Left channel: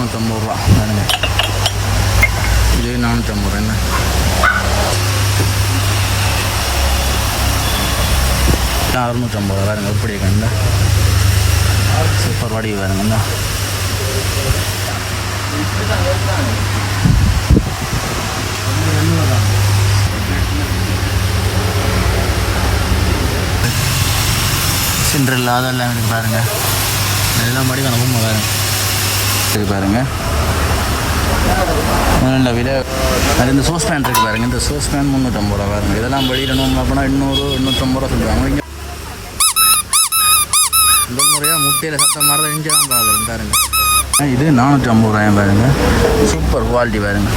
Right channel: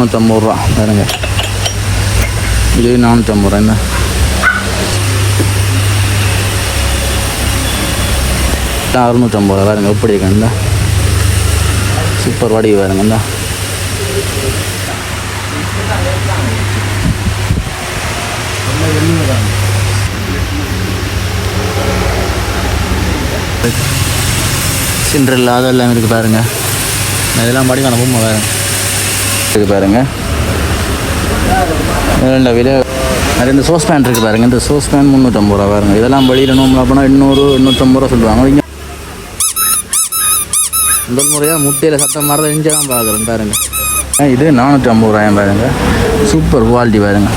நானூற்றம்பது ரூபா பாருங்க இது நானூற்றம்பது ரூபா என்ன அறுநூற்றம்பது ரூபா பாருங்க எப்படி இருக்கு இந்த சூப்பர் வடி பாருங்க இந்த சின்ட்ரில் அதெல்லாம் இருக்குது பாருங்க இதெல்லாம் படி வேணும் பொம்மை வேறு இருக்குது பாருங்க. ரெண்டு விலை. அது இந்த சோஸ் பேன் இருக்குது பாருங்க. இந்த சோஸ் பேன் முந்நூற்றம்பது ரூபா பாருங்க. இதெல்லாம் வெளியில் நோம்பலாம் போனால் இன்னொரு எண்ணூற்றம்பது ரூபா சொல்லுவாங்க. இங்கே முதல் முறையாக முட்டையில் சத்தம் மாதிரி இங்கே தான் பார்க்குறேன் பாருங்க. ஆ, இது நானூற்றி ஐம்பது ரூபாயும் பாருங்க. சூப்பர் குவாலிட்டி பாருங்க.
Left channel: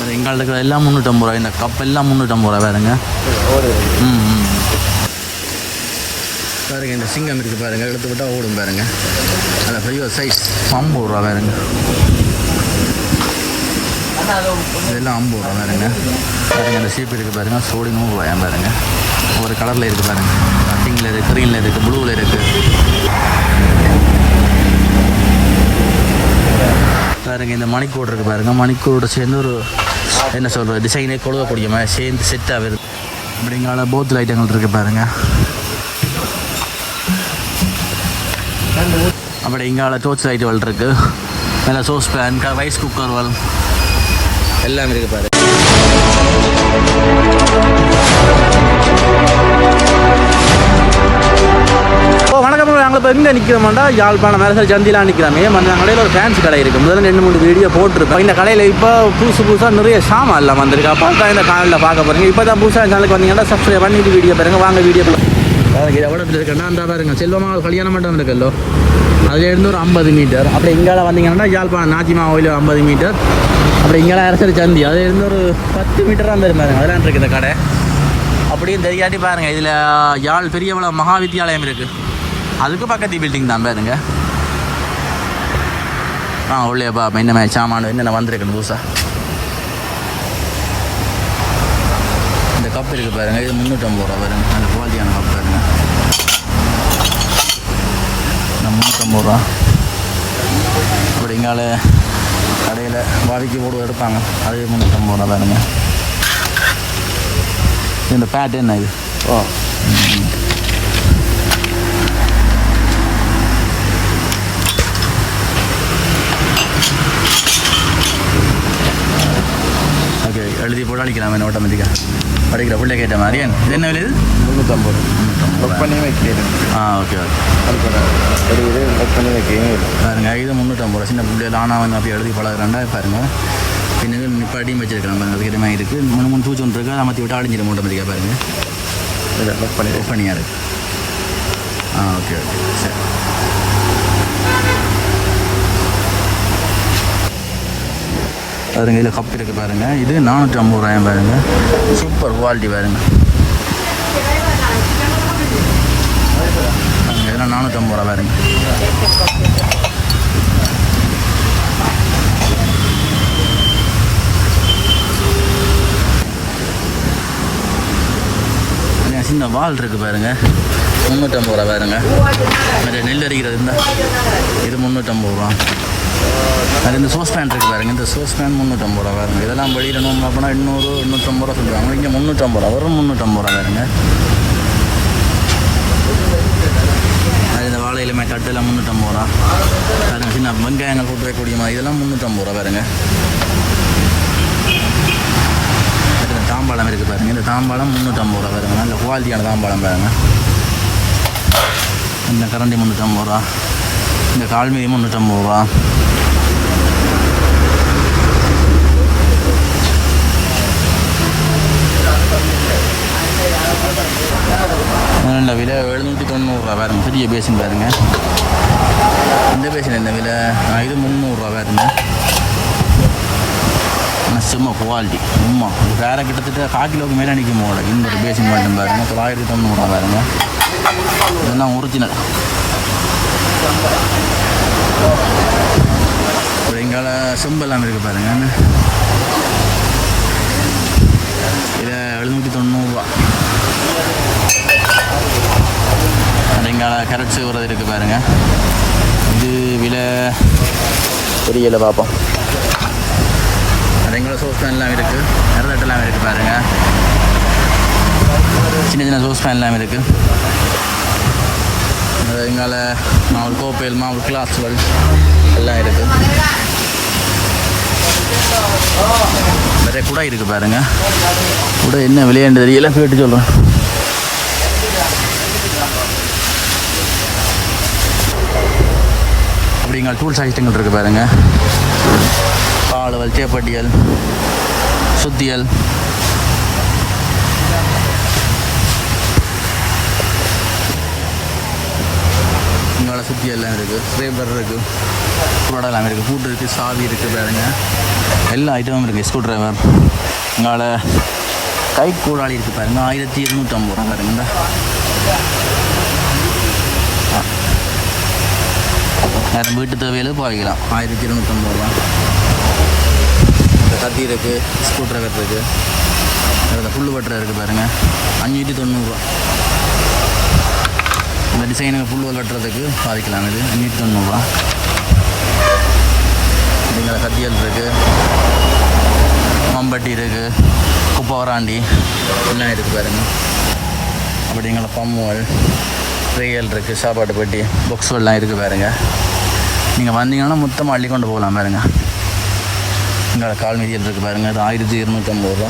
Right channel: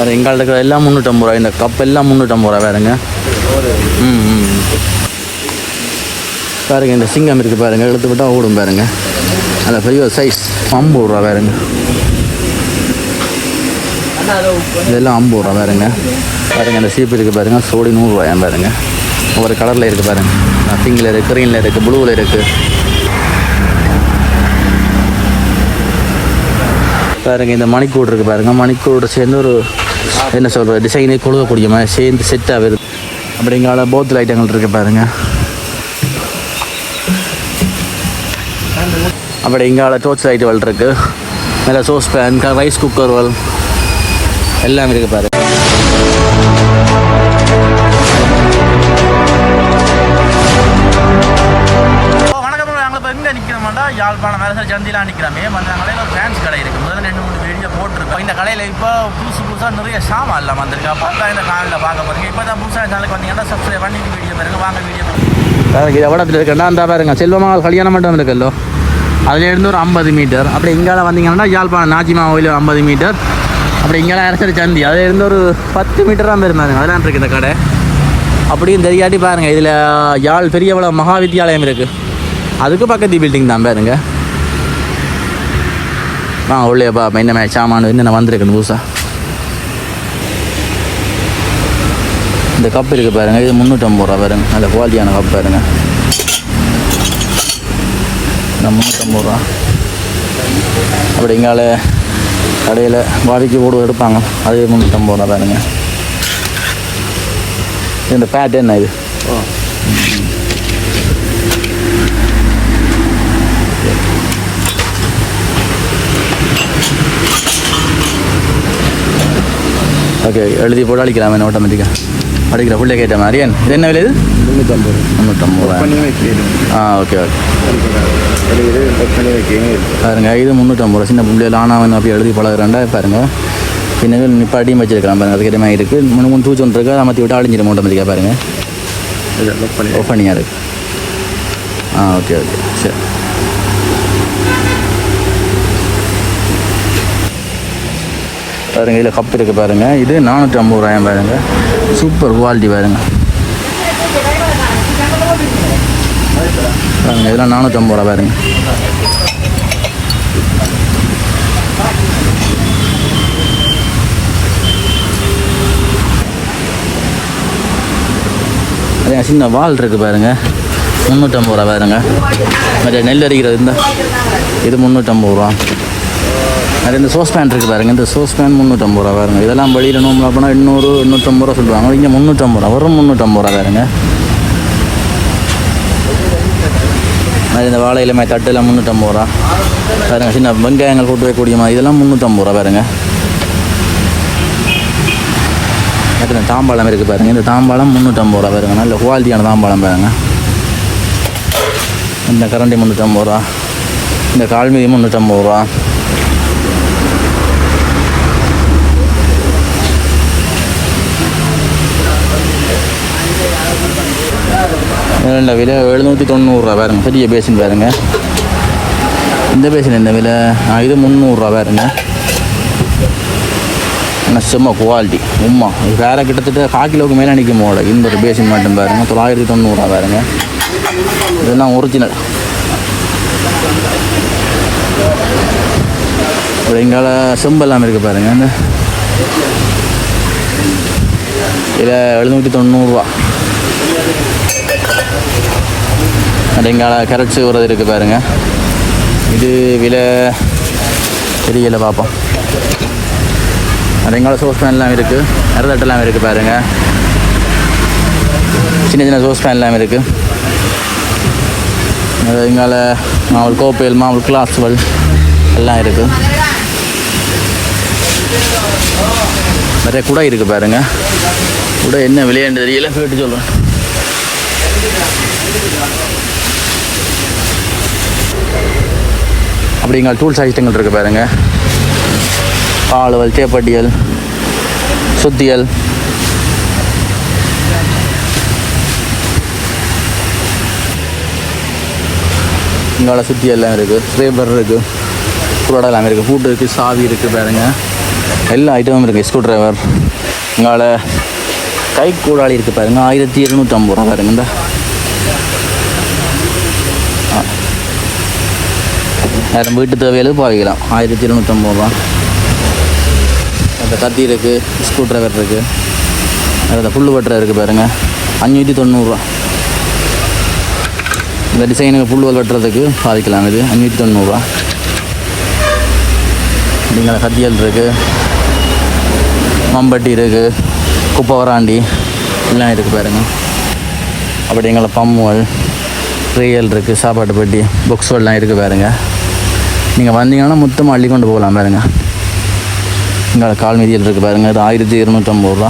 வேறு எங்கள்கிட்ட இருக்கிற எல்லாம் முந்நூற்றம்பது ரூபா இந்த கப் எல்லாம் முந்நூற்றம்பது ரூபா வேறுங்க ம் ம் பாருங்க இந்த சிங்கம் இருக்குது பாருங்கள் எடுத்து விட்டால் ஓடும் பாருங்க. அந்த பெரிய சைஸ் ஐம்பது ரூபா வேறுங்க இதெல்லாம் ஐம்பது ரூபா வேறுங்க பாருங்க அந்த சீப்பு இருக்குது பாருங்கள் சோடி நூறுரூவாயாம் பாருங்கள் ஒவ்வொரு கலரில் இருக்குது பாருங்கள் பிங்கில் இருக்குது க்ரீனில் இருக்குது ப்ளூவில் இருக்குது பாருங்க இந்த மணிக்கூடு இருக்குது பாருங்கள் மணிக்கூட சேர்ந்து ஒரு என்ன சொல்கிறது டிசைனே கொடுக்கக்கூடிய மாதிரி சேர்ந்து செட் ஆகுது அப்படிங்கிற போத்தில் ஐட்டங்கள் இருக்குது பாருங்கள் அப்படி இங்கால டோர்ச் லைட்டுகள் இருக்கு. மேலே சோஸ் பேன் ரைஸ் குக்கர்கள் எல்லாம் இருக்குது பாரு எங்கே நிற்கிறோம்டா யாழ்ப்பாணம் மேலே சந்திலாம் நிற்கிறாமே அந்த கடையில் ஒரு ஃபேன்ஸ் கடை இருக்குது முதல்ல ரெண்டு மூணு வீடியோ போட்டிருப்பேன். இந்த கடையில் இப்போ புதுசு புதுசாக நிறைய சாமான் எல்லாம் வந்திருக்கு. அப்போ தான் இந்த காலையில் பார்க்க போகிறீங்க இப்போ தான் புதுசாக சேனலுக்கு வந்தீங்கன்னா சப்ஸ்கிரைப் பண்ணிட்டு வீடியோ பாருங்க. வாங்க வீடியோ எனக்கு எவ்வளோ இருக்கா அந்த பாருங்க. செல்வமாக கல்யாணம் மண்டபம் இருக்கல்லோ அதுலேருந்து ஒரு ஐம்பது மீட்டர். அப்படி இங்கே வந்தீங்கன்னா யாழ்ப்பாணம் நாச்சிமா கோயில் ஐம்பது மீட்டர். அப்படி இங்கெல்லாம் அரசரி சந்தி அதுலேருந்து ஒரு பத்து மீட்டர் தான் பாருங்க. அதெல்லாம் இருக்குது இந்த கடை. அப்படியும் தெரியாட்டி பாருங்கள் இதில் யாழ் பெரியவள மகா இருக்குது அதுக்கு பக்கத்து பில்டிங் தான் பாருங்க. ஆ உள்ளே பா என்ன மாதிரி சாமான் என்னென்ன வந்திருக்கு புதுசா. இந்த கப் இருக்கு பாருங்க இது முந்நூற்றம்பது ரூபா பாருங்க. நல்ல குவாலிட்டியான கப் பாருங்க. நான் முந்நூற்றம்பது ரூபா. அப்படி இங்கால கடையில் பாதிக்கு போடு எடுப்பாங்க. அது முந்நூற்றம்பது ரூபா பாருங்க. இந்த பேட் என்ன இது? ஓகே எழுதி போட்டு அடிக்கலாம் ஆட்டோமேட்டிக்காக அடிக்கிற ஃபுல்லாக கேட்ட மாதிரி. இது என்ன விலை இது? முந்நூற்றம்பது. முந்நூற்றம்பது? ஆ ஓகே ஓகே. பாருங்க இது முந்நூற்றம்பது. ரூபா சின்ன பிள்ளைகள் ஆனாவன் அப்படி எழுதி பழகிறாண்டா பாருங்க. பின்னாடி நிப்பாட்டியும் வச்சிருக்கலாம் பாருங்க அதுக்கு மாதிரி இருக்குது மூணு மூணு தூச்சு ஒன்று இருக்குது அதை மாற்றி விட்டு அழிஞ்சிடும் ஆட்டோமேட்டிக்காக பாருங்க. இதை லோக் பண்ணி ஓப்பன் பண்ணியாக இருக்கு ஆ ஓகே ஓகே. சரி. பாருங்க இதில் கப் இருக்குது பாருங்க. இது நானூற்றி ஐம்பது ரூபாயும் பாருங்க. சூப்பர் குவாலிட்டி பாருங்க. பாருங்க இதெல்லாம் நானூற்றி ஐம்பது ரூபா பாருங்க அதே சின்ன வால் இருக்கு பாருங்க. முந்நூற்றம்பது ரூபா பாருங்க. மற்ற நெல் அடிக்கிறது இருந்தால் இது முந்நூற்றம்பது ரூபா. அது இந்த சோஸ் பேன் இருக்குது பாருங்க இந்த சோஸ் பேன் முந்நூற்றம்பது ரூபா பாருங்க. இதெல்லாம் வெளியில் நோம்புல போனால் எண்ணூறு எண்ணூற்றம்பது ரூபா சொல்லுவாங்க. இங்கே முந்நூற்றம்பது ரூபா வரும் முந்நூற்றம்பது ரூபா பாருங்க. அது இந்த வாழை இலமை தட்டுலாம் முந்நூற்றம்பது ரூபா. பாருங்க சின்ன வெங்காயங்கள் போட்டு வைக்கக்கூடிய மாதிரி. இதெல்லாம் முந்நூற்றம்பது ரூபா பாருங்க. இந்த தாம்பாளம் இருக்குது பாருங்க. இந்த தாம்பாளம் முந்நூற்றம்பது ரூபா பாருங்க. நல்ல குவாலிட்டியான தாம்பாளம் பாருங்க. இந்த கரண்டி முந்நூற்றம்பது ரூபா. இந்த கால்மீதி முந்நூற்றம்பது ரூபா. இந்த விலை? எழுநூற்றி தொண்ணூறுரூவா பாருங்க. பெரிய பேசின் பாருங்க. இந்த பேசின் என்ன விலை? இது முந்நூறுரூவா பாருங்க. ஆனால் செம்ம குவாலிட்டி உம்மா இது வேறு கிட்டத்தட்ட கால் கிலோவுக்கு மேலே நிற்கும் போல. இந்த ஒரு பேசின் மட்டும் பாருங்க. தொள்ளாயிரத்தி தொண்ணூறுரூவா பாருங்க. இதெல்லாம் ஒரிஜினல் அப்புறம் எங்கால செம்பெல்லாம் இருக்குது பாருங்கள் இந்த இதில் எழுநூற்றி தொண்ணூறுரூவா அப்படிங்கால கரைச்சி விடுறது இருக்குது பாருங்க. இது விலை தெரியல பார்ப்போம் அப்படிங்கால சோஸ் எல்லாம் இருக்குது நிறதட்டெல்லாம் இருக்குது பாருங்க. சின்ன சின்ன சோஸ் பேன்லாம் இருக்குது அது இங்கால மாவல் கோப்பைகள் மாவல் கிளாஸ்கள் எல்லாம் இருக்குது நிறைய குடை இருக்குது பாருங்க. குடை என்ன விளையாண்டு தெரியல கேட்டு சொல்கிறேன் அப்படிங்கிற டூல்ஸ் ஐட்டங்கள் இருக்குது பாருங்கள் ஆளுவல் தேப்பட்டியல் சுத்தியல். இங்கால சுத்தி எல்லாம் இருக்குது ஸ்க்ரேபர் இருக்குது குரோடா எல்லாம் இருக்குது ஃபுட் இருக்குது சாவி இருக்குது பாருங்க. எல்லா ஐட்டமும் இருக்குது ஸ்க்ரூ டிரைவர் இங்கால கை கூடாளி இருக்குது பாருங்க ஆயிரத்தி இருநூற்றம்பது ரூபா பாருங்க இந்த. நேரம் வீட்டு தேவையில பாவிக்கலாம் ஆயிரத்தி இருநூற்றம்பது ரூபா. அந்த கத்தி இருக்குது ஸ்க்ரூ ட்ரைவர் இருக்குது அந்த புல்லு வெட்டுற இருக்குது பாருங்க. அஞ்சூற்றி தொண்ணூறுரூவா இந்த டிசைனுக்கு புல்வல் வெட்டுறதுக்கு பாதிக்கலாம் இது. அஞ்சூற்றி தொண்ணூறுரூவா இங்கே கத்தியல் இருக்குது மம்பட்டி இருக்குது குப்பை வராண்டி. எல்லாம் இருக்குது பாருங்க. அப்படி எங்களை பம்முவல் ரியல் இருக்குது சாப்பாட்டு பெட்டி பாக்ஸ்லாம் இருக்குது பாருங்கள் நீங்கள் வந்தீங்கன்னா மொத்தமாக அள்ளி கொண்டு போகலாம் பாருங்க. இங்கே கால் மீதியில் இருக்குது பாருங்கள் இது ஆயிரத்தி இருநூற்றம்பது ரூபா.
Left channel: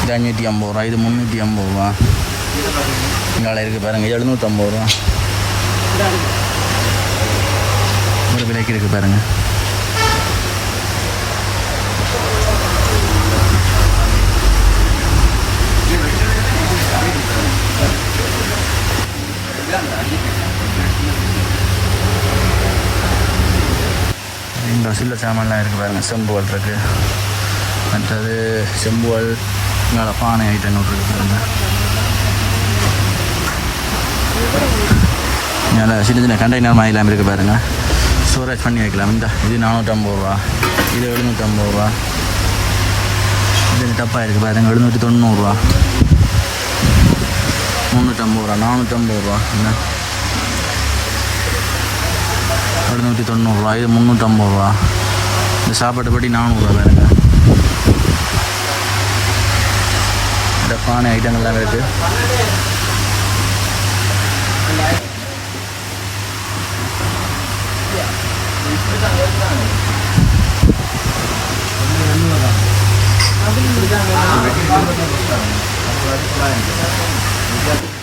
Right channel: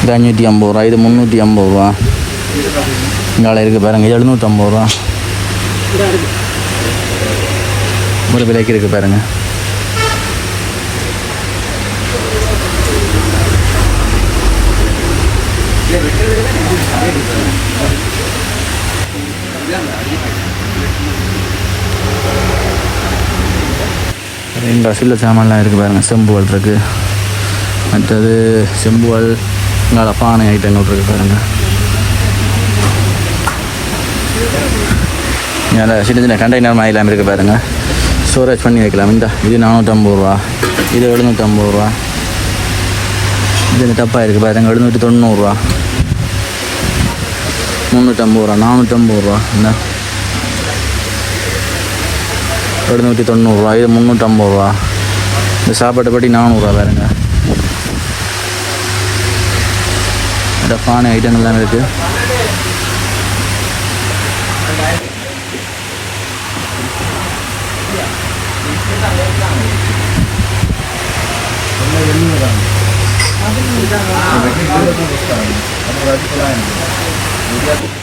இது அஞ்சூற்றி ஐம்பது ரூபா. இது முந்நூற்றி ஐம்பது ரூபா. இங்கால இருக்குது பாருங்கள் எழுநூற்றம்பது ரூபா. ஒரு விலைக்கு இருக்குது பாருங்க. இங்கே சில்ல சாமான்லாம் இருக்குது பாருங்க. செம்புவால் இருக்குது மற்றது செம்புவால் இங்கே பானை ஐட்டங்கள் இருக்குது பாருங்க. இங்கே சின்ன சின்ன கண்டெய்னர் மாதிரிலாம் இருக்குது பாருங்க. ஸ்டோரேஜ் பண்ணி வைக்கலாம். இந்த இது நானூற்றம்பது ரூபா. இது எழுநூற்றம்பது ரூபா. இது இந்த டப்பா இருக்குது பாருங்க. எழுநூற்றி தொண்ணூறுரூவா முந்நூற்றம்பது ரூபா. நானூற்றம்பது ரூபா. என்ன எழுநூற்றி தொண்ணூறுரூவா இது முந்நூற்றம்பது ரூபா. இந்த சாப்பாட்டு படி நானூறுரூவா பாருங்க. இந்த பானை ஐட்டம் எல்லாம் இருக்குது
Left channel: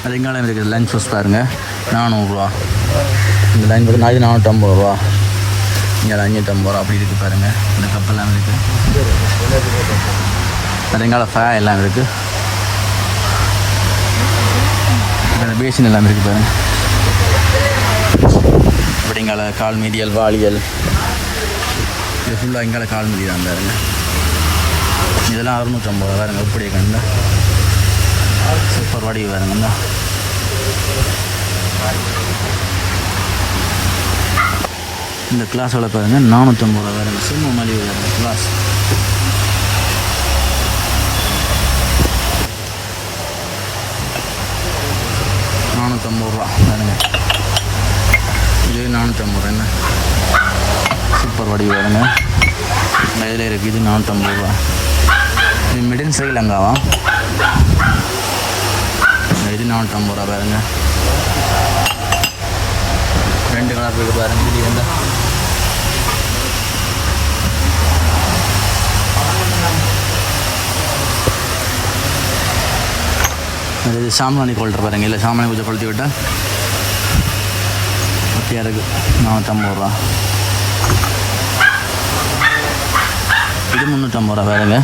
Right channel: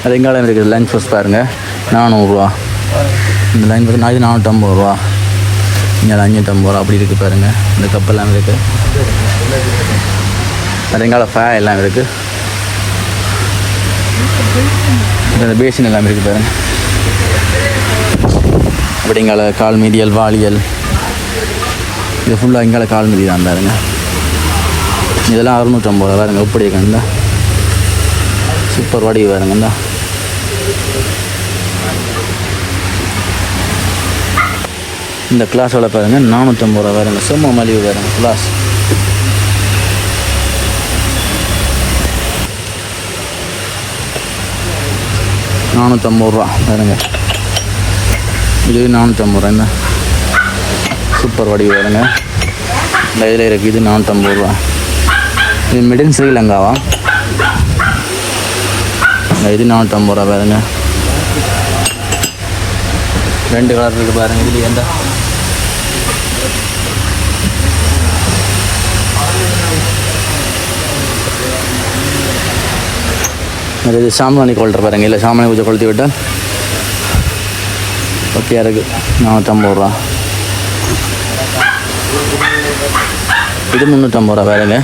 அது எங்காலம் இருக்குது லஞ்ச் ஃபஸ்ட் பாருங்கள் நானூறுரூவா இந்த லைன் பார்த்தீங்கன்னா நானூற்றம்பது ரூபா. இங்கே அஞ்சூற்றம்பது ரூபா. அப்படி இருக்குது பாருங்கள் இந்த கப்பெல்லாம் இருக்குது அது ஃபே எல்லாம் இருக்குது இந்த பேசின் எல்லாம் இருக்குது பாருங்கள் அப்படிங்கால கால் மீதியல் வாலியல் இது ஃபுல்லாக இங்கால கால் மீதி தான் பாருங்க. இதெல்லாம் அறுநூற்றம்பது ரூபா பாருங்க. எப்படி இருக்குன்னு சூப்பர் வடிவு பாருங்க. இந்தா. இந்த கிளாஸோட பாருங்க. நானூற்றம்பது ரூபா வேறுங்க சும்மா மலிவு வேறுங்க கிளாஸ் நானூற்றம்பது ரூபா பாருங்க இது நானூற்றம்பது ரூபா. என்ன? சூப்பர் வடிவு வேறுங்க இதில் இருக்குது இது நானூற்றம்பது ரூபா. இது மிடின் ஸ்ரீலங்காவா? இது நானூற்றம்பது ரூபா பாருங்க ரெண்டு கலர் இருக்குது பாருங்க. இது எந்த இது சாம்பிராணி கொள்கிற பாருங்க. இல்லை சாமானி கொஞ்சம் கொளுத்தி விட்டால் ஓகே இருக்குது நானூற்றம்பது ரூபா. இது முந்நூற்றம்பது ரூபா வேறுங்க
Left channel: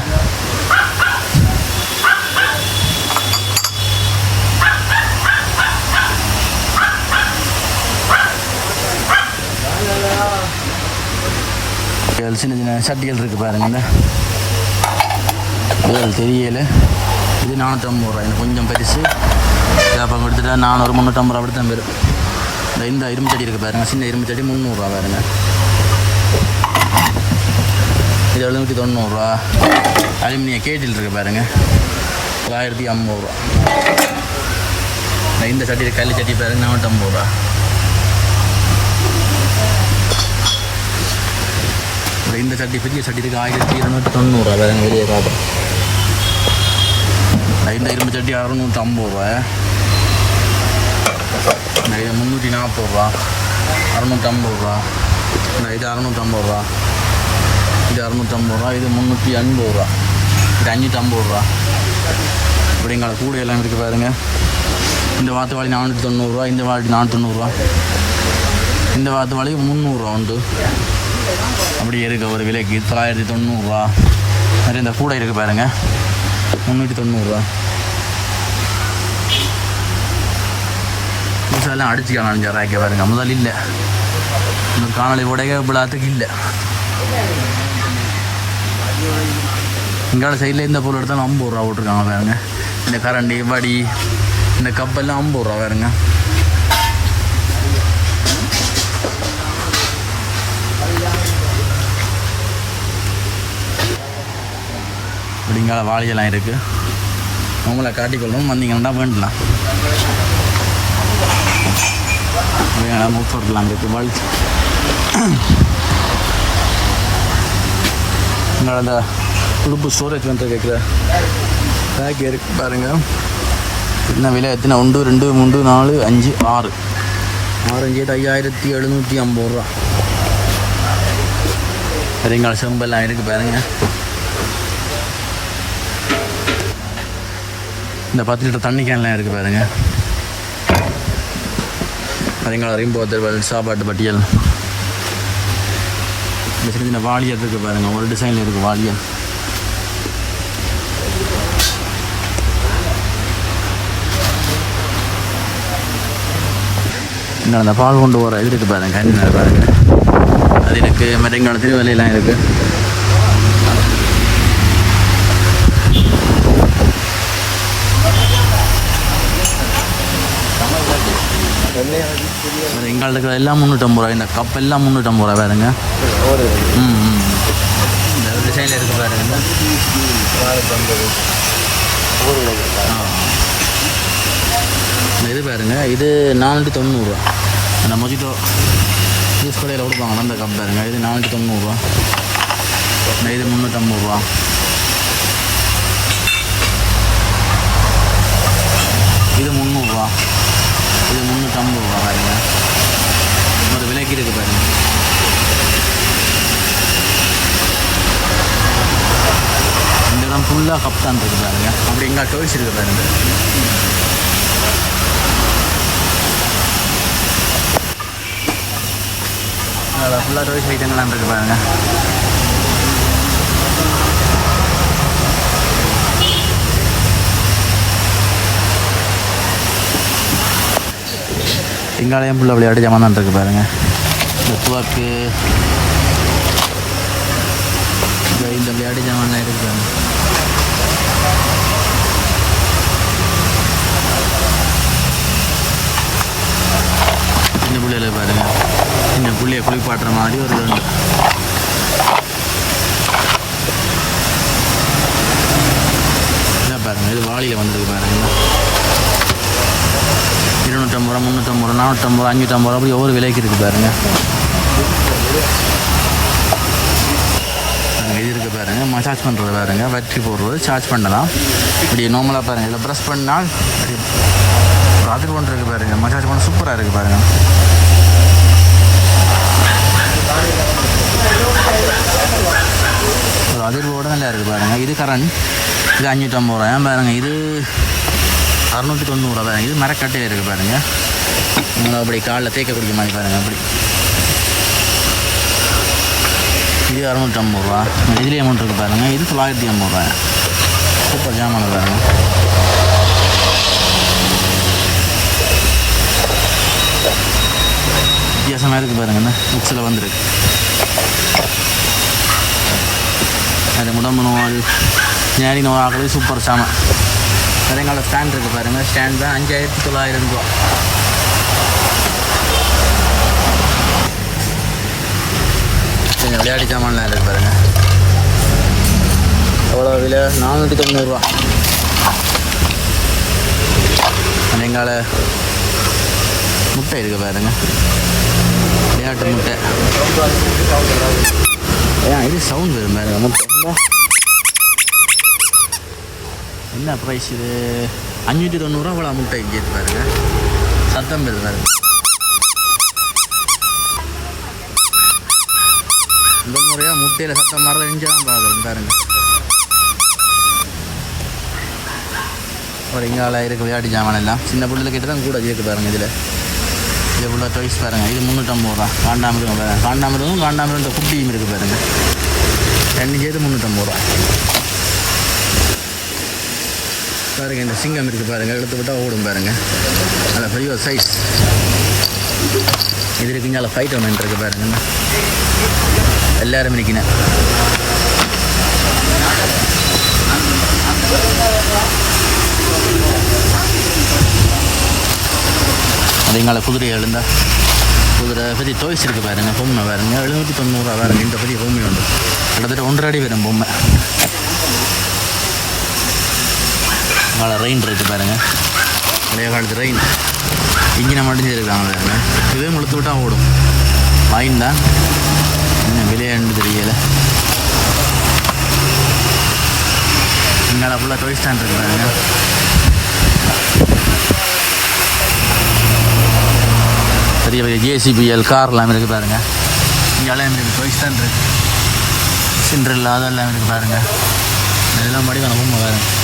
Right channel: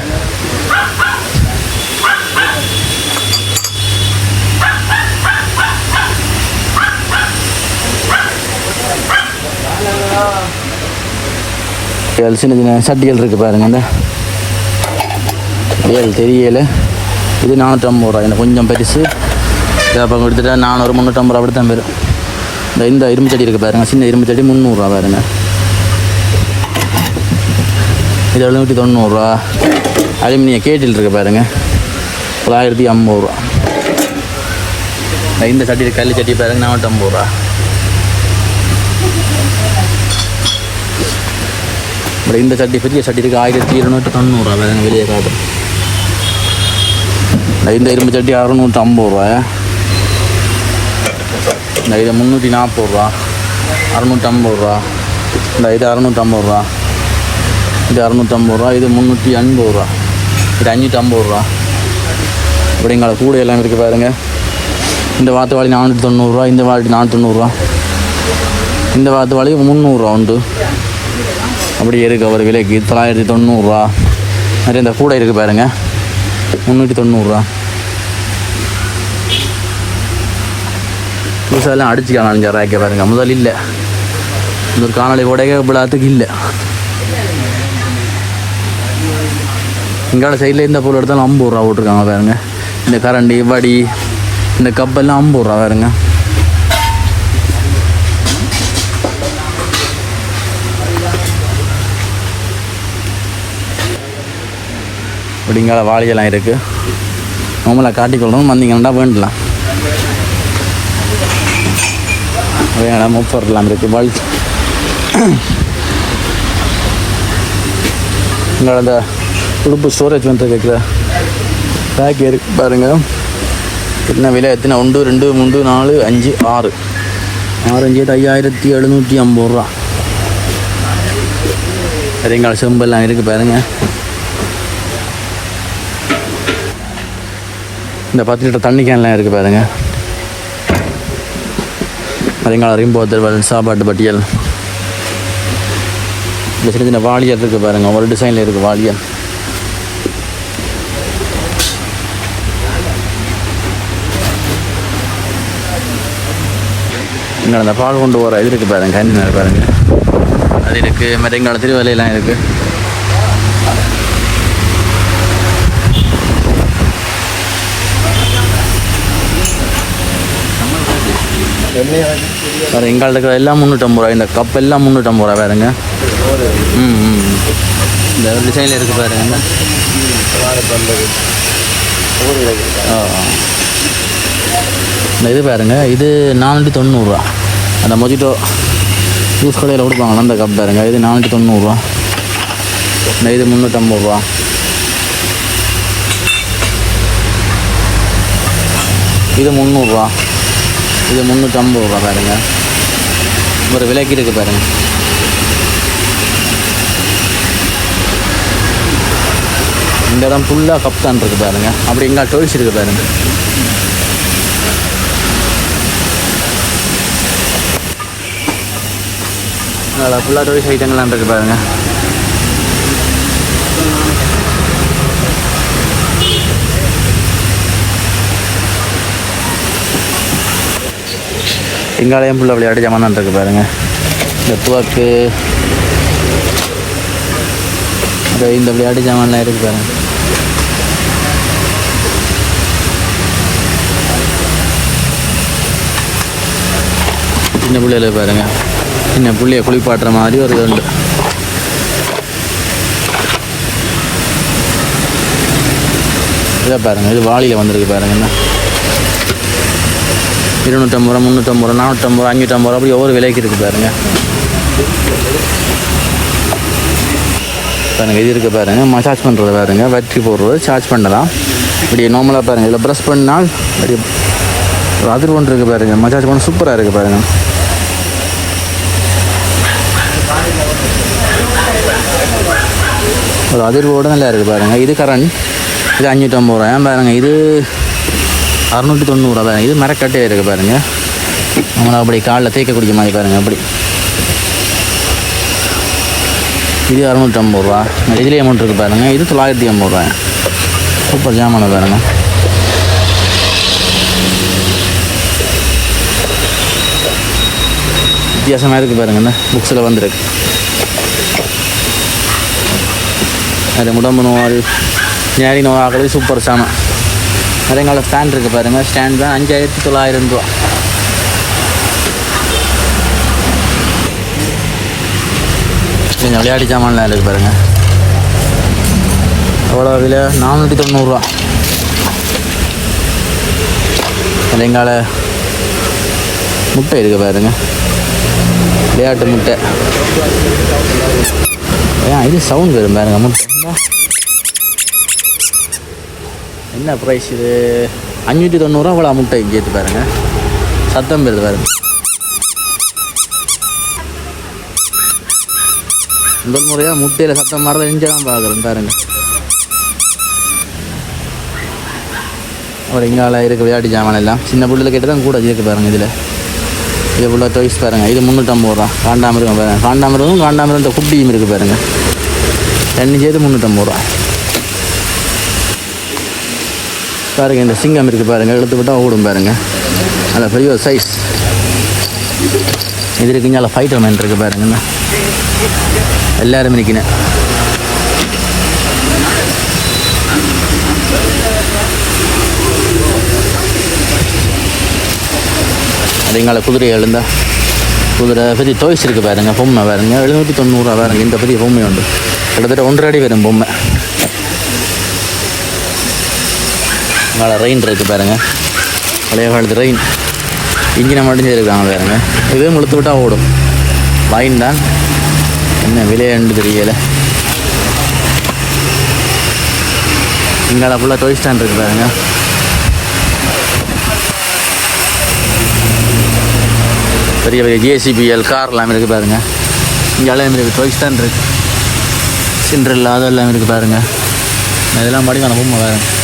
சின்ன சின்ன சட்டிகள் இருக்குது பாருங்க. இந்த ஏழு தெரியல. இது நானூற்றம்பது ரூபா எனக்கு கொஞ்சம் பெருசு. வேப்பம் அப்போ கொடுத்துட்டா நானூறு முந்நூற்றம்பது ரூபா அப்படி தான் வரும். இந்த இந்த இரும்பு சட்டி இருக்குது பாருங்க. சின்ன இரும்பு சட்டி முந்நூறுரூவா பாருங்க. இது எழுநூற்றி தொண்ணூறுரூவா அலுமினிய கேட்டில் இருக்குது பாருங்க. தொள்ளாயிரத்தி ஐம்பது ரூபா. இந்த சட்டி கல் சட்டி பாருங்க. நானூற்றம்பது ரூபா. இந்த சட்டி பெரிய சட்டி இருக்குது ஆயிரத்தி இருநூற்றி தொண்ணூறுரூவா வேறு வெளியே காட்டுறேன் இந்த இரும்பு சட்டி அறுநூற்றி ஐம்பது ரூபா இந்த இது முந்நூற்றி நாற்பது ரூபா அறுநூற்றம்பது ரூபா இந்த இது அறுநூற்றம்பது ரூபா இது அறுநூற்றம்பது ரூபா இது முந்நூற்றி எண்பது ரூபா இது அஞ்சூற்றம்பது ரூபா இப்படிங்களா கூட எல்லாம் இருக்குது பாருங்கள் இந்த வாத்து வாழி நானூற்றி தொண்ணூறுரூவா இந்த வாளி நானூற்றி தொண்ணூறுரூவா இந்த வாத்து வாளி முந்நூறுரூவா உண்டு அப்படி இருக்குது ஒரு விலைக்கு தொள்ளாயிரத்தி தொண்ணூறுரூவா நிறைய இந்த கூடை இருக்குது பாருங்கள் முந்நூற்றி தொண்ணூறுரூவா புதுசாலாம் அடிச்சுக்கலாம் அஞ்சு ரேக்க பாருங்க. முதல் இல்லை. இந்த ஒரு காணொலி உடைய விழாத்துக்கு இல்லை. இங்கால சைடில் இந்த பொருள் எடுத்தாலும் ஐம்பது ரூபா போட்டிருக்காங்க பாருங்க. இந்த கரண்டி வடி இந்த கப்பெல்லாம் ஐம்பது ரூபா பாருங்க. அப்படிங்கால வாளியெல்லாம் இருக்குது நம்மளை காட்டிக்கொள்ளணும் வந்தீங்கன்னா வேண்டலாம். வேணாம் முப்பர்லாம் இருக்குது வல் இங்கே அந்த உடுப்பு ஸ்டோரேஜ் வந்து கேட்குற பேக் இருக்கு பாருங்கள் எத்தனை விலை? எத்தனை? ஒன்று ரெண்டு மூன்று நாலு அஞ்சு ஆறு. ஆறு அஞ்சு எட்டு ஐயாயிரத்தி எழுநூற்றி ஐம்பது ரூபா. சரிங்களா? செம்பெல்லாம் இருக்குது பாருங்கள் இந்த பத்து லிட்டர் தண்ணி கேன்லாம் இருக்குது பாருங்க. சரிங்களா ரிம்போத்தல் சாப்பாட்டு பட்டியல். இந்த சின்ன சின்ன வாளியல் இருக்குது பாருங்க. ஒரு டிசைனில் இருக்குது வாளியல். இங்கே அந்த பால் கொண்டு போகிற இது இருக்குது பாருங்க. கஞ்சி பாருங்க. அது இருக்குது மரங்கால திருவலையெல்லாம் இருக்குது வேறு எங்கள்ட்ட இருக்கிற எல்லாம் முந்நூற்றம்பது ரூபா இந்த கப் எல்லாம் முந்நூற்றம்பது ரூபா வேறுங்க ம் ம் இந்த டிசைனில் இருக்குது பாருங்க. இந்த இது பாருங்க இது நானூற்றி தொண்ணூறுரூவா அந்த மொஜிட்டோ ஜூஸ் கடையில் கொடுப்பாங்களா அந்த கப் பாருங்க இது நானூற்றி தொண்ணூறுரூவா இந்த இது முந்நூற்றம்பது ரூபா. இது முந்நூறுரூவா இது முந்நூற்றம்பது ரூபா பாருங்க. ஒரு விலைக்கு இருக்கு பாருங்க இந்த இடம் ஃபுல்லாக கப்தான் இருக்கு பாருங்க. அப்படி இங்கே டோய்ஸ் இருக்கு பாருங்க. ஃபுல்லாக டோய்ஸ் ஐட்டங்கள்லாம் இருக்குது பாருங்கள் சிங்காலயம் ஃபுல்லாக விளையாட்டு ஜாமான் இருக்குது இருக்கு பாருங்க. இந்த துவாக்கு இந்த இந்த விளையாட்டு ஜாமான்லாம் இருக்கு பாருங்க. சின்ன பிள்ளையில பாருங்க. சின்ன பிள்ளைய குளிப்பாட்டுற மாதிரி ஒரு இது உண்டு இதை பாருங்க இது வாளியில் வந்திருக்கு பாருங்கண்ணா இருநூற்றம்பது ரூபா முந்நூற்றம்பது ரூபா நானூற்றம்பது ரூபா அஞ்சூற்றம்பது ரூபா அப்படி ஒவ்வொரு விலைக்கு இருக்குது பாருங்க. பாருங்கள் இது இருக்குது பாருங்கள் மசாஜ் பண்ணுறது பாருங்க. வற்றி போடுறது சார்ஜ் பண்ணலாம். இப்படி நார்மலாக பாருங்கள் இதில் ப்ரெஸ் பண்ணால் அப்படி ஒரு அதிர் ஒன்று இருக்குது பாருங்க. மசாஜ் பண்ண சூப்பராக இருக்குது பாருங்கள் ஒரு அதிர்வோடு நல்லா இருக்குது பாருங்க. இது கரண்ட் இது அஞ்சூற்றம்பது ரூபா. பாருங்கள் இது அறுநூற்றி தொண்ணூறு தான் இது மரக்கட்டையில் இருக்குது பாருங்கள் அப்படி காலில் தேய்க்க குடிக்க மாதிரி பாருங்கள் அப்படி. இது அறுநூற்றம்பது ரூபா. இதுலேயே அமௌண்ட் இருக்குது பாருங்கள் இது தொள்ளாயிரத்தி ஐம்பது ரூபா சூப்பர் ஜாமான பாருங்க. வித்தியாசமாக இருக்குது பாருங்க இந்த புக்ஸில் வந்துருக்கு. அது உடம்பு நோய் ஞாரி ஆகிறது சூப்பர் சாமான். அதேங்கால ஃபேன் இருக்குது பாருங்கள் ஸ்டாண்ட் ஃபேன் அஞ்சாயிரத்தி தொள்ளாயிரம் ரூபா. கொஞ்சம் விளையாடி சாமான்லாம் இருக்குது பாருங்கள் எவ்வளோ விலை நானூற்றி தொண்ணூறுரூவா அதேங்கால முட்டை இருக்குது பாருங்க. விளையாட்டு முட்டை. ஏன் இது சவுண்ட் வரும் பாருங்க. என்ன ப்ரைஸ் இது? அஞ்சூற்றி தொண்ணூறுரூவா அவ்வளோ முட்டை கேட்டு பாருங்க. சத்தம் பேர் பாருங்க. முதல் முறையாக முட்டையில் சத்தம் மாதிரி எஞ்ச தான் பார்க்குறேன் பாருங்க. ஒரு இங்கால இருக்க விளையாட்டு ஜாமான் எல்லாம். சின்ன பிள்ளைல கேட்டு தான் கூட இருக்கு பாருங்க இதில். இது ஃபுல்லாக டொய்ஸ் பாருங்க. இது முந்நூற்றம்பது ரூபா. காண்டாமிருகம் பாருங்க. காண்டாமிருகம் காண்டாமிருகம் குட்டியும் இருக்குது பாருங்க. ரெண்டு சேர்த்து முந்நூற்றம்பது ரூபா. பாருங்கள் இந்த சிங்கம் இருக்குது பாருங்கள் எடுத்து விட்டால் ஓடும் பாருங்கள் அந்த பெரிய சைஸ் இது இருக்குங்க ஃபைட்டர் மேன் இருக்குது பாருங்கண்ணா என்ன. எல்லாரும் நிற்கினேன் அது குதிரை எழுந்தா. குதிரை பெரிய டோய்ஸ் இருக்குது பாருங்கள் பொம்மை பாருங்கள் எழுநூற்றி தொண்ணூறுரூவா பாருங்கள் இந்த பெரிய பொம்மை உண்டு. கிட்டத்தட்ட ஒன்றரை அடி வரும் பொம்மை. இங்கால ரெயின் இருக்குது பாருங்க. பழைய காலத்து ரெயின் இன்ஜினை மட்டும் செய்திருக்காங்க பாருங்க. இதுவும் முழுத்து விட்டால் ஓடும். வாயின் தான். என்ன விளையாண்டு தெரியல. இங்கால ஃபுல்லாக டோய் ஸ்டாண்ட் இருக்கு பாருங்க. பெரிய பெரிய ஜேசிபிஎல் கார் எல்லாமே இருக்குது பாருங்க. இங்கே எல்லாம் இருக்குது டோய் ஸ்டாண்ட் இருக்கு. இல்லாத எல்லாமே இருக்குது பாருங்க. இதெல்லாம் படிக்கான பொம்மை பாருங்க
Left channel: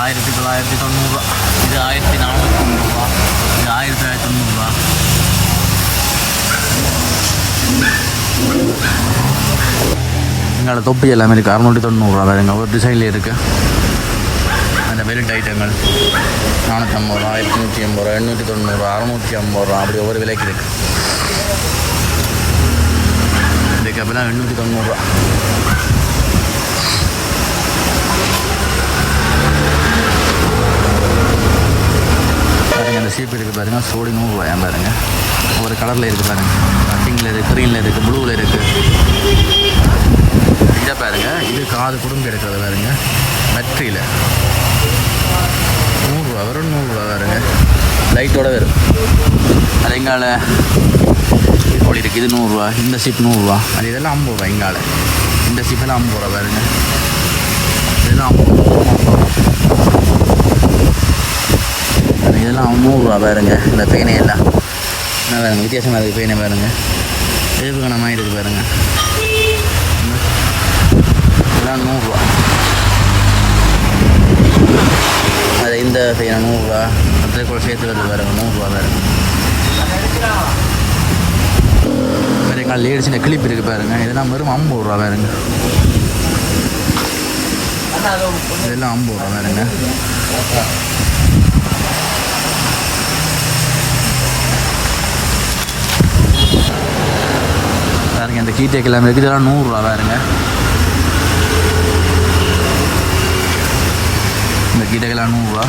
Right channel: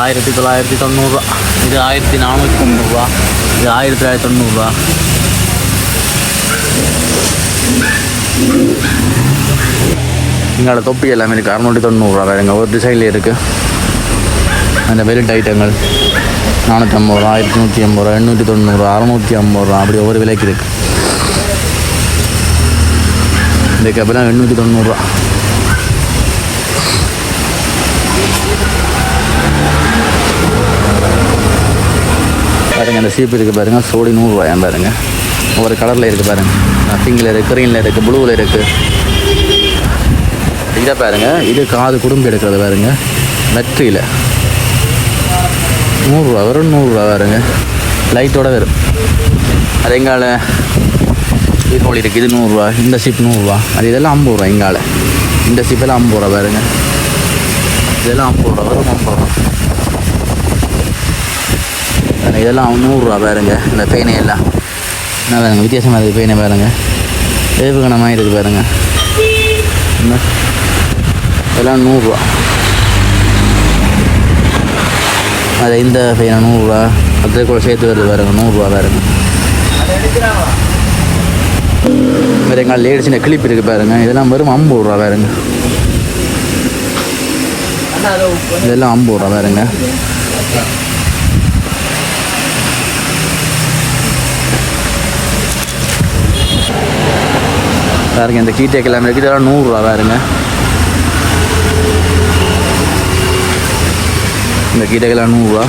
ஆயிரத்தி தொள்ளாயிரத்தி தொண்ணூறுரூவா இது ஆயிரத்தி நானூற்றி தொண்ணூறுரூவா இது ஆயிரத்தி தொள்ளாயிரத்தி தொண்ணூறுரூவா எங்களோட தொப்பி எல்லாமே இருக்குது அறநூற்றி தொண்ணூறுரூவா வேறுங்க ஒரு டிசைனில் இருக்குது அந்த பெல்ட் ஐட்டங்கள் நானூற்றி ஐம்பது ரூபா ஆயிரத்தி நூற்றி ஐம்பது ரூபா எண்ணூற்றி தொண்ணூறுரூவா அறநூற்றி ஐம்பது ரூபா அப்படி ஒவ்வொரு விலைக்கு இருக்குது இந்த கப்பெல்லாம் எண்ணூற்றி தொண்ணூறுரூவா பாருங்க அந்த சீப்பு இருக்குது பாருங்க சோடி நூறுரூவாயாம் பாருங்க. ஒவ்வொரு கலரில் இருக்குது பாருங்க. பிங்கில் இருக்குது க்ரீனில் இருக்குது ப்ளூவில் இருக்குது இதை பாருங்க இது காது குடும்பம் எடுக்கிறது பாருங்க. வெற்றியில் நூறுரூவா வரும் நூறுரூவா பாருங்க. லைட்டோட வரும். அது எங்கால? ஈரோடு இருக்குது இது நூறுரூவா இந்த சீப் நூறுரூவா. அது இதெல்லாம் ஐம்பது ரூபா எங்கால? இந்த சீப்பெல்லாம் ஐம்பது ரூபா பாருங்க. இதெல்லாம் ஐம்பது ரூபா வரும் ஐம்பது ரூபா. இதெல்லாம் நூறுரூவா பாருங்க இந்த பேனை எல்லாம். என்ன பாருங்க வித்தியாசமாக இருக்குது பெயினை பாருங்க. ஏவுகணமாக இருக்குது பாருங்க. இதெல்லாம் நூறுரூவா. அது இந்த பேனை நூறுரூவா. அதே கூட சேர்த்து வருது பாருங்க நூறுரூவா பாருங்க. வேறு எங்கள் லேடிஸின கிளிப் இருக்குது பாருங்க இதெல்லாம் வெறும் ஐம்பது ரூபா பாருங்க. இதெல்லாம் ஐம்பது ரூபா பாருங்க. பாருங்க இந்த கீட்டே கிழமை இருக்குது. இதெல்லாம் நூறுரூவா பாருங்க. இந்த கீட்டைக்கெல்லாம் நூறுரூவா.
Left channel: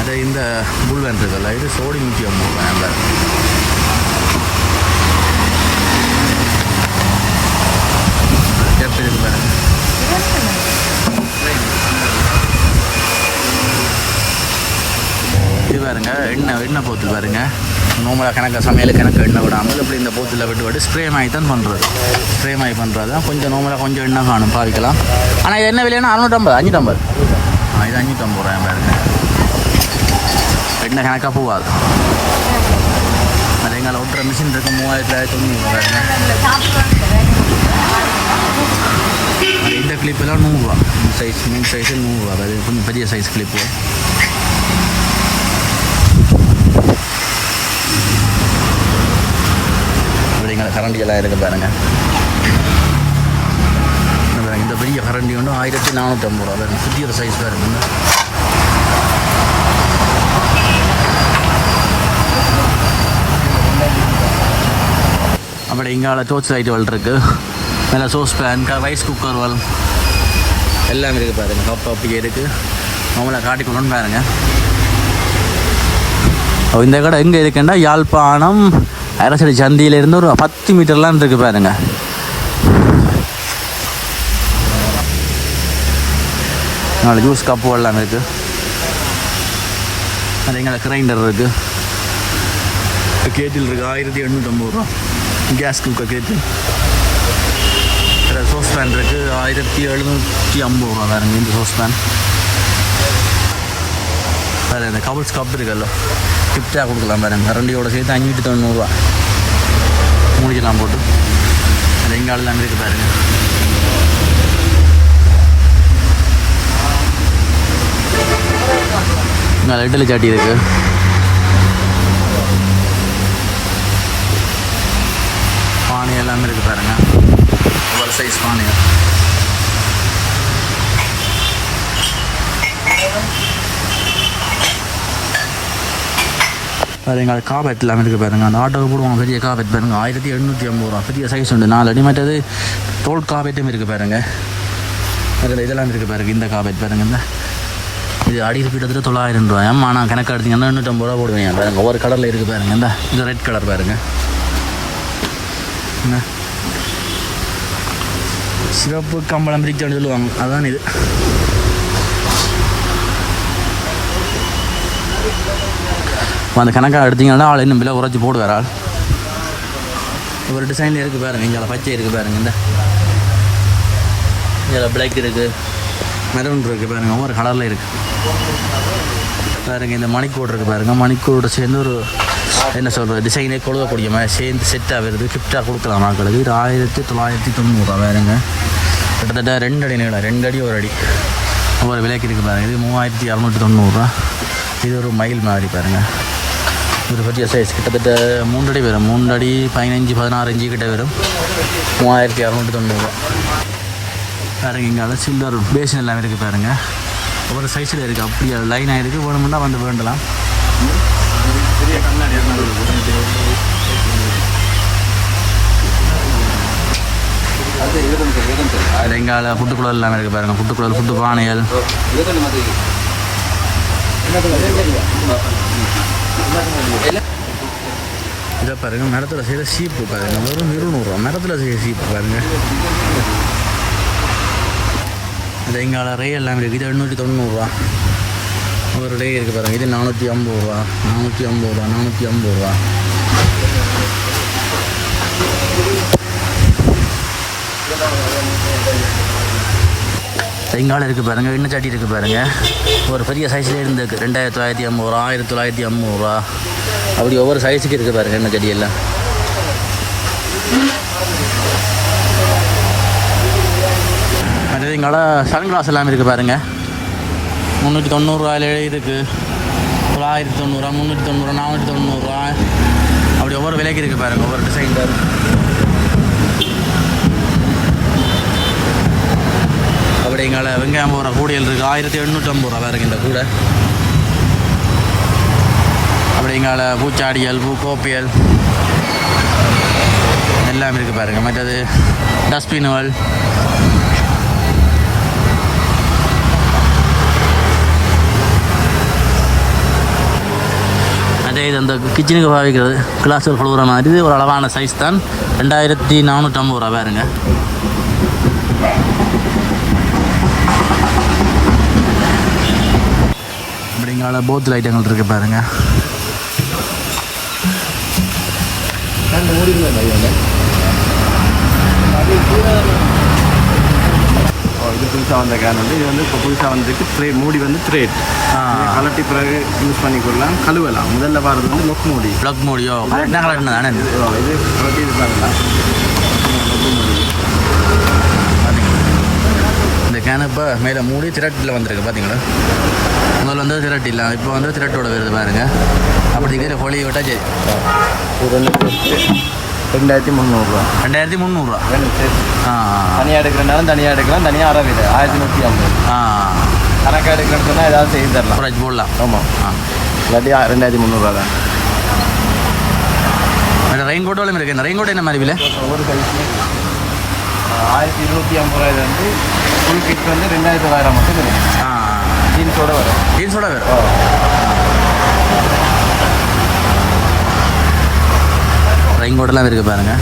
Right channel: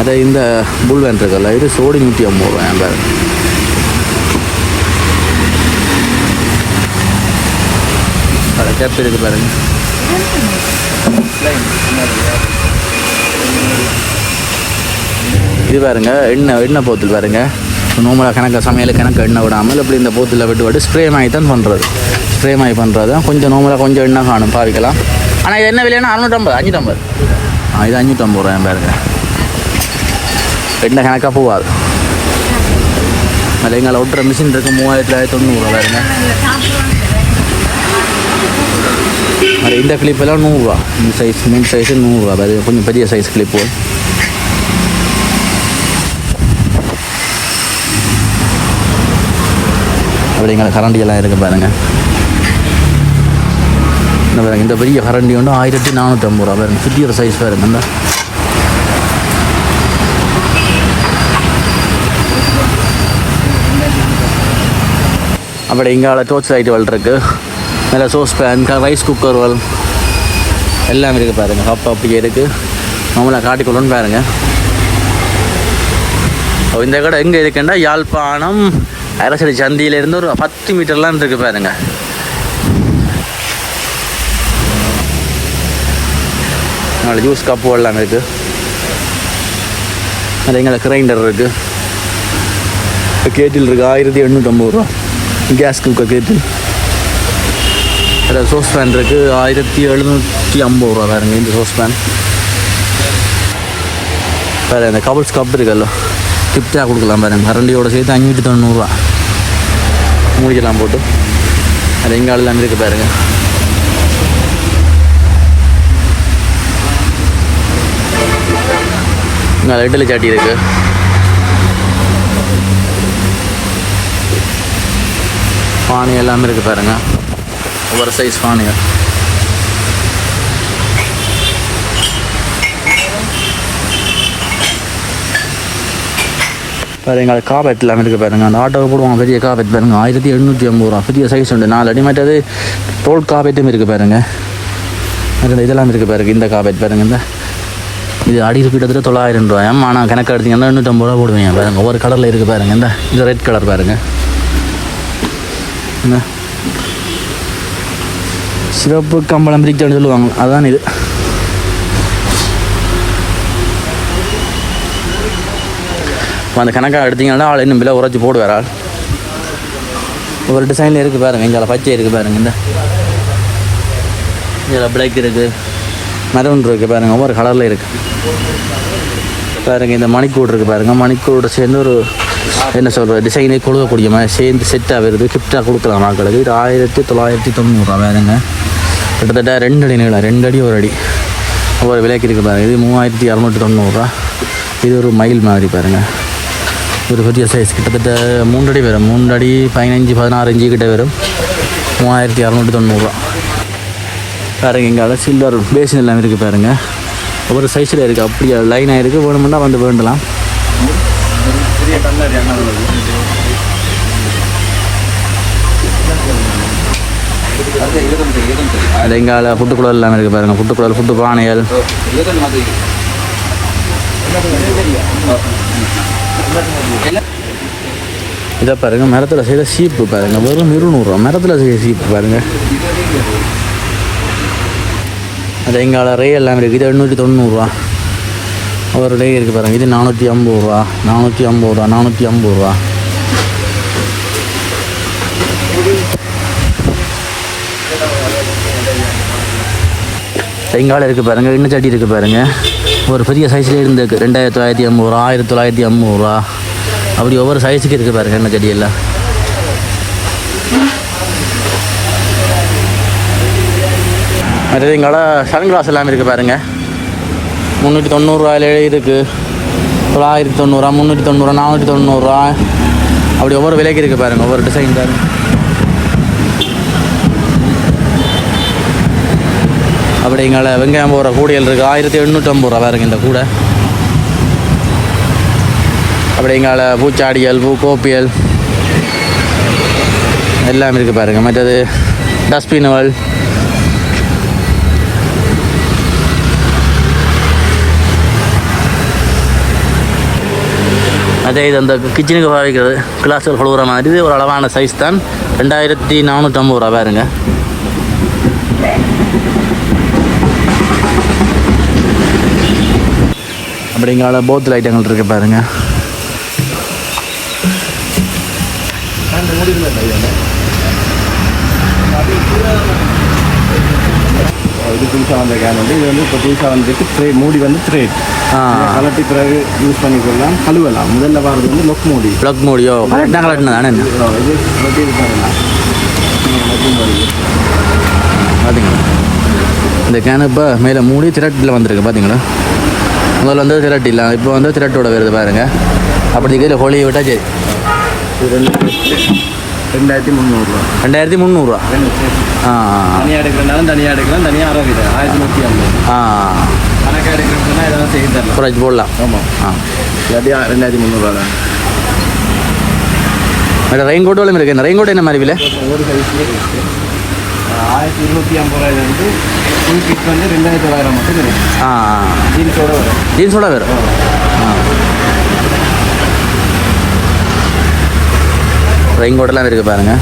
அதே இந்த புல்வென் இருக்குல்ல இது சோடி நூற்றி ஐம்பது ரூபா என் பாருங்க கேப் இருக்கு பாருங்க. இது பாருங்க எண்ணெய் எண்ணெய் போத்தல் பாருங்க. நோமலாக கணக்கு சமையல் கணக்கு எண்ணெய் விடாமல் இப்படி இந்த போத்தில் விட்டு விட்டு ஸ்ப்ரே மாதிரி தான் பண்ணுறது ஸ்ப்ரே மாதிரி பண்ணுறது தான் கொஞ்சம் நோமலாக கொஞ்சம் எண்ணெய் காணும் பாவிக்கலாம். ஆனால் இது என்ன விலைன்னா அறுநூற்றம்பது அஞ்சூற்றம்பது. ஆ இது அஞ்சூற்றம்பது ரூபா என் பேருக்கு எண்ணெய் கணக்காக போகாது. அதில் எங்களை ஒட்டுற மிஷின் இருக்குது மூவாயிரத்தி தொள்ளாயிரத்தி தொண்ணூறுரூவா பாருங்க. அது இந்த கிளிப்பெல்லாம் நூறுரூவா இந்த சைஸ் மீன் சைஸு நூறுரூவா அது கொஞ்சம் பெரிய சைஸ் கிளிப்பு எங்களை கரண்டி இருக்குது பாருங்கள் இந்த பாருங்க இந்த பெரிய கரண்டி வந்து ஆயிரத்தி நானூற்றி ஐம்பது ரூபா பாருங்க சுத்தியோட சைஸ் பாருங்க இந்த. அப்படி இங்கால டோர்ச் லைட் வல் மேலே சோஸ் பேன் ரைஸ் குக்கர் வல் எல்லாம் இருக்குது பாருங்கள் ஹாப் அப்படியே இருக்குது நம்மளை காட்டிக்கொள்ளுன்னு பாருங்கள் இந்த கடை எங்கே இருக்குன்னா யாழ்ப்பாணம் அரசடி சந்தியிலேருந்து ஒரு பத்து மீட்டர்லாம் இருக்கு பாருங்க. நாலு ஜூஸ் கப்பு எல்லாம் இருக்குது அது எங்களை கிரைண்டர் இருக்குது கேட்டில் இருக்குது ஆயிரத்தி எண்ணூற்றம்பது ரூபா. கேஸ் குக்கர் கேட்டில். அதில் சோஸ் பேன் இருக்குது ஆயிரத்தி எழுநூற்றி ஐம்பது ரூபா பாருங்க இந்த சோஸ் பேன் வேறு இந்த கபல்ஸ் கப் இருக்குல்ல. கிஃப்டாக கொடுக்கலாம் பாருங்க. மரண்டியோட சேர்த்து அஞ்சூற்றி தொண்ணூறுரூவா மூடிக்கலாம் போட்டு. அது எங்கே எல்லாம் இருக்குது பாருங்க. இங்கே லைட்டில் சாட்டி பானை எல்லாமே இருக்குது பாருங்க. ஒரு சைஸ் பானைகள். பாருங்க அது காபெட் எல்லாமே இருக்குது பாருங்கள் அந்த ஆட்டோவை போடுவாங்க பெரிய காபெட் பாருங்கள் ஆயிரத்தி எழுநூற்றி ஐம்பது ரூபா. பெரிய சைஸ் உண்டு. நாலு அடி டோல் தோல் காபெட்டும் இருக்குது பாருங்கள் மற்ற இதெல்லாம் இருக்குது பாருங்க இந்த காபெட் பாருங்க இந்த. இது அடியில் கிட்டத்தட்ட தொள்ளாயிரம் ரூபாய். ஆனால் கணக்கு எடுத்தீங்கன்னா எண்ணூற்றம்பது ரூபா போடுவீங்க பாருங்க. ஒவ்வொரு கலரில் இருக்குது பாருங்கள் இந்த. இது ரெட் கலர் பாருங்கள் என்ன சிறப்பு கம்பளம் பிரிக்கணும்னு சொல்லுவாங்க. அதான் இது. அந்த கணக்காக எடுத்தீங்கன்னா ஆள் இன்னும் விலை உரைச்சி போடுவார் ஆள். ஒரு டிசைனில் இருக்குது பாருங்க இங்கே பச்சை இருக்குது பாருங்க இந்த. பிளாக் இருக்குது மெரூன் இருக்குது பாருங்க ஒவ்வொரு கலரில் இருக்குது பாருங்க இந்த மணிக்கூடு இருக்குது பாருங்க மணிக்கூட சேர்ந்து ஒரு என்ன சொல்கிறது டிசைனே கொடுக்கக்கூடிய மாதிரி சேர்ந்து செட்டாக வருது கிஃப்டாக கொடுக்கலாம் மக்களுக்கு. இது ஆயிரத்தி தொள்ளாயிரத்தி தொண்ணூறுரூவா வேறுங்க கிட்டத்தட்ட ரெண்டு அடி நீளம் ரெண்டு அடி ஒரு அடி. ஒவ்வொரு விலைக்கு இருக்குது பாருங்கள் இது மூவாயிரத்தி இரநூத்தி தொண்ணூறுரூவா இது ஒரு மயில் மாதிரி பாருங்கள் ஒரு பெரிய சைஸ் கிட்டத்தட்ட மூன்று அடி வரும் மூன்று அடி பதினஞ்சு பதினாறு இஞ்சு கிட்ட வரும் மூவாயிரத்தி இரநூத்தி தொண்ணூறுரூவா பாருங்க இங்கே சில்வர் பேசின் எல்லாம் இருக்குது பாருங்க ஒவ்வொரு சைஸில் இருக்குது அப்படியே லைனாக இருக்குது வேணுமுன்னா வந்து வேண்டலாம் பெரிய கண்ணாடி அது எங்கால எல்லாமே இருக்குது பாருங்கள் புட்டுக்குழல் புட்டு பானையல் பானைகள் இதை பாருங்க மரத்தில் செய்கிற சீப்பு பாருங்க. வெறும் இருநூறுவா மரத்தில் செய்கிற சீப்பு பாருங்க. அது ரே எல்லாமே இருக்குது இது எண்ணூற்றி தொண்ணூறுரூவா ஒரு ரே இருக்குது பாருங்கள் இது நானூற்றி ஐம்பது ரூபா. நானூற்றி ஐம்பது ரூபா. நானூற்றி ஐம்பது ரூபா. செங்கால இருக்குது பாருங்கள் இன்னும் சட்டி இருக்குது பாருங்கள் ஒரு பெரிய சைஸ்ல இருந்து ரெண்டாயிரத்தி தொள்ளாயிரத்தி ஐம்பது ரூபா ஆயிரத்தி தொள்ளாயிரத்தி ஐம்பது ரூபா. அப்படி ஒவ்வொரு சைஸுக்கு இருக்குது பாருங்க என்ன செடியெல்லாம். எல்லாம் எங்களோட எங்கால சன் கிளாஸ் எல்லாமே இருக்குது பாருங்கள் முந்நூற்றி தொண்ணூறுரூவாயில இருக்குது தொள்ளாயிரத்தி தொண்ணூறுரூவா முந்நூற்றி தொண்ணூறுரூவா நானூற்றி தொண்ணூறுரூவா அப்படி ஒவ்வொரு விலைக்கு இருக்குது பாருங்க ஒவ்வொரு டிசைன் பாருங்கள் அப்படிங்கிற வெங்காயம் போகிற கூடைகள் இருக்குது ஆயிரத்தி எண்ணூற்றம்பது ரூபா பாருங்க இந்த கூடை. அப்படி பூச்சாடியல் பூக்கோப்பியல் எல்லாம் இருக்குது பாருங்கள் மற்றது டஸ்ட்பின்கள் அதே இது அந்த கிச்சனுக்கு பாவிக்கிறது கிளாஸில் கழுவுற மாதிரி. இது ஒரு அளவான சைஸ் தான். ரெண்டாயிரத்தி நானூற்றம்பது ரூபா பாருங்க. அப்படிங்கால போத்தில் ஐட்டங்கள் இருக்கு பாருங்க. இது புதுசாக வந்த கேன் வந்து இது வந்து இப்போ புதுசாக வந்துருக்கு ட்ரே மூடி வந்து த்ரேட் கலட்டி பிறகு யூஸ் பண்ணிக்கொள்ளலாம். கழுவலாம். முதல்ல வரது வந்து லொக் மூடி. ப்ளக் மோடியோ? கலட்டினது தானே இதோ கலட்டி இது பண்ணலாம் லொக்கும் வருது பார்த்தீங்களா இந்த கேன் இப்போ மேலே மூடி திரட்டில் வந்திருக்கு பார்த்தீங்களா முதல்ல வந்து திரட்டு இல்லை. இப்போ வந்து திரட்டோட வருது பாருங்க. அப்படி கையில் ஹோலியை விட்டா சரி. ரெண்டாயிரத்தி முந்நூறுரூவா ரெண்டாயிரத்தி முந்நூறுரூவா. ஆ தனியாக எடுக்கிறனாலும் தனியாக எடுக்கலாம். தனியாக அறவிது ஆயிரத்தி நூற்றி ஐம்பது. ஆ கணக்காக எடுக்கிறதுனா ஏதாவது செய்து தரலாம். குறைச்சி போடலாம். ஆமாம் ஆ. இல்லாட்டி ரெண்டாயிரத்தி தான். வேறு ரெயின் கோட்டும் இருக்கு. இந்த ரெயின் கோட் என்ன மாதிரி விலை? ஒரு சைஸ்லேயே இருக்குது ஆயிரத்தி இருநூற்றி ஐம்பது ரூபாயிலேருந்து ஃபுல் கிட் வந்து ரெண்டாயிரத்தி தொள்ளாயிரம் மட்டும் கிடைக்கும். ஆ ஜீன்ஸோட வரும். ஜீன்ஸோட வேறு ஆ. ரெயின் கோட்டெல்லாம் இருக்குது பாருங்கள்